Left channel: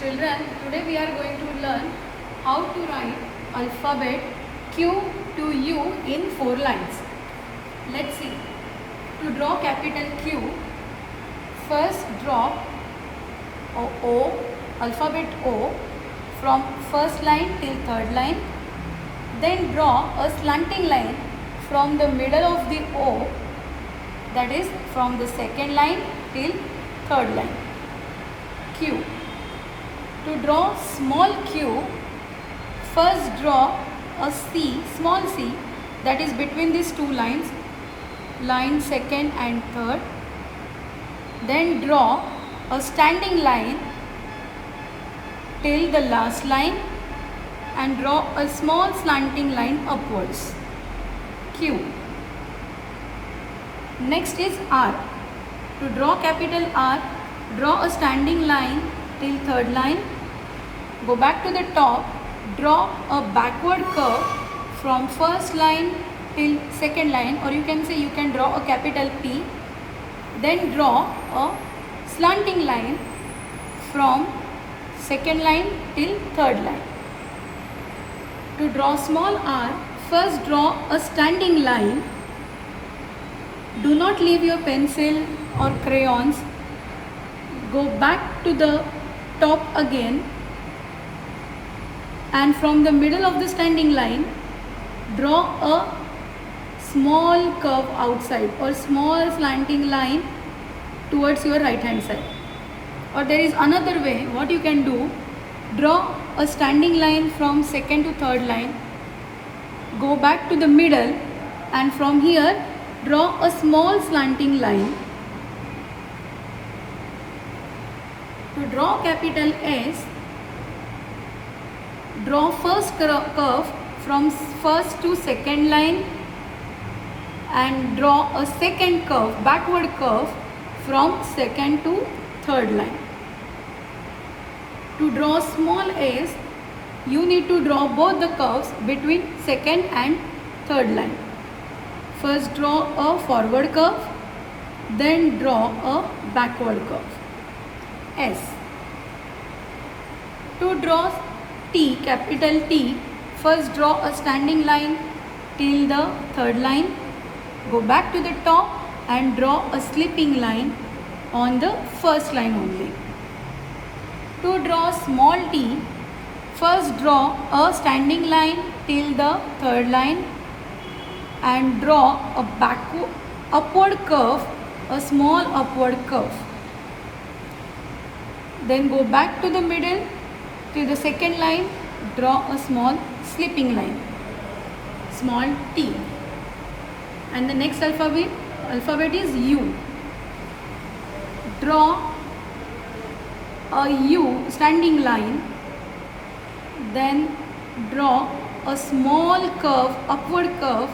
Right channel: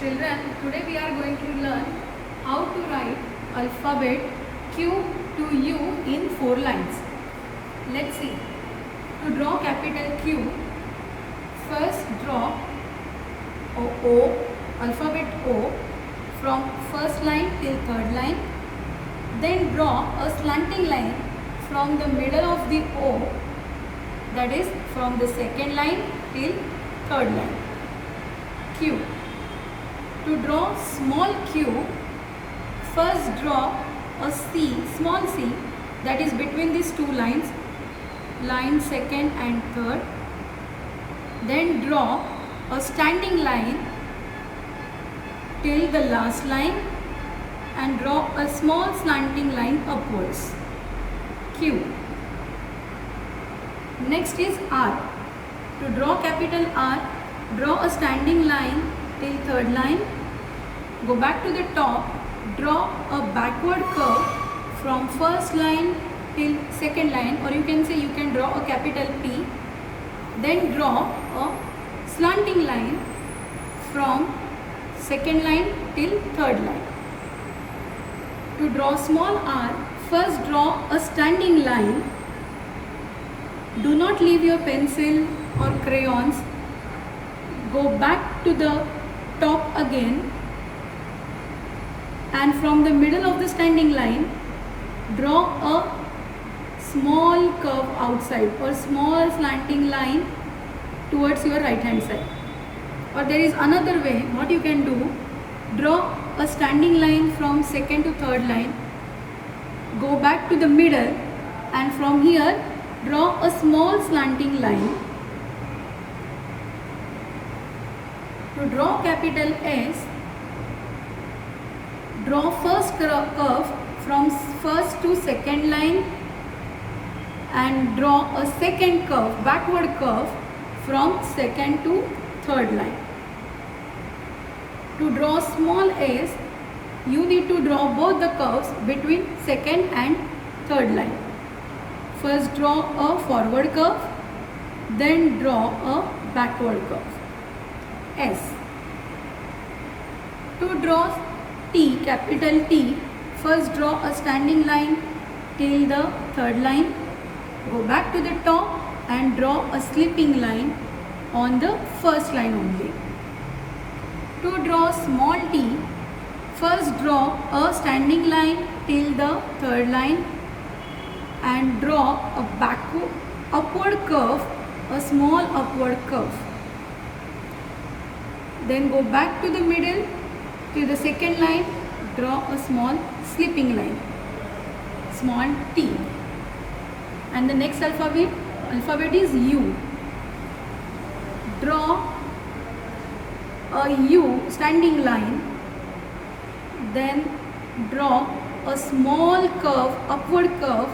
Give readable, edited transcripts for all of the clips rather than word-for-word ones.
Children, today we are going to learn how to write alphabet Q to U in 4 lines. Let's see. To draw capital Q, first draw O, alphabet O from first line till third line. Then draw a slanting line from the middle of the O, that is from the second line till third line. Q. To draw small q, first draw a C, small c, that is between these two lines, line second and third. Then draw a standing line till the last line and draw a small slanting line upwards. Q. Next is R. To draw capital R, draw a standing line till third line, go back to the top, draw a backward curve from first line till second line, or you can say you can draw a capital P, then draw a slanting line from second line till third line. To draw small r, first draw a standing line. Do not leave your pencil or crayons. Go back to the top again, and from the middle of the standing line draw a small curve outside or small slanting line towards your right hand side. Or there is another way what you can do, draw a standing line from second to third line, go back to the middle, and from here draw a small slanting line. To draw capital S, draw first curve from first to second line and draw a second curve, backward curve from second to third line. To draw small s, you need to draw both the curves between second and third line. First draw a forward curve, then draw a backward curve. S. To draw T, capital T, first draw a standing line till the third line, go back to the top and draw a slipping line on the first line only. To draw small t, first draw a standing line till the third line and draw a upward curve, a small upward curve. Then go back to the middle to the second line, draw a small slipping line, small t. And the next alphabet is U. Draw a U standing line, then draw a small curve, upward curve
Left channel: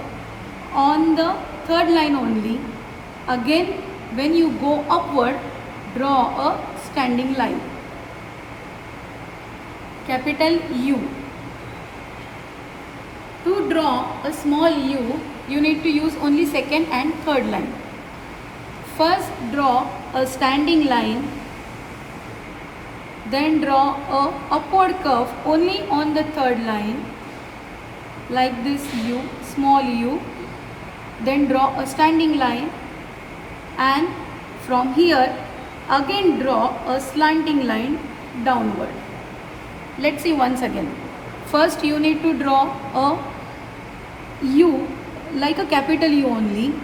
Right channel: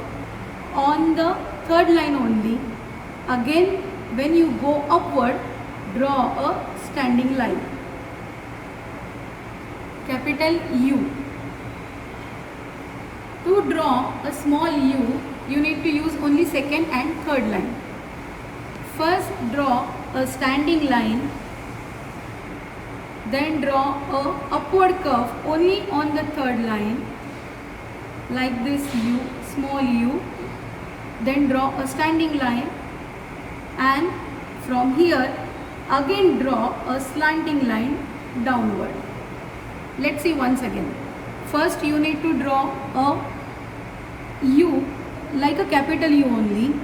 on the third line only. Again, when you go upward, draw a standing line, capital U. To draw a small u, you need to use only second and third line. First draw a standing line, then draw a upward curve only on the third line, like this u, small u, then draw a standing line, and from here again draw a slanting line downward. Let's see once again. First you need to draw a U, like a capital U only,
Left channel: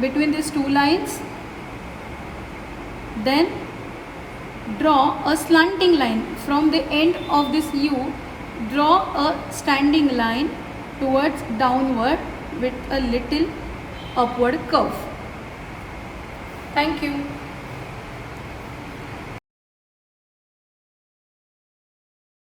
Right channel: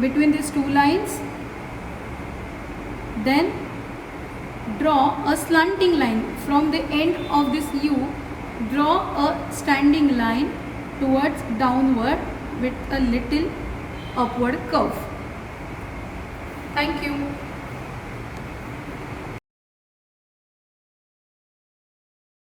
between these two lines. Then draw a slanting line from the end of this U, draw a standing line towards downward with a little upward curve. Thank you.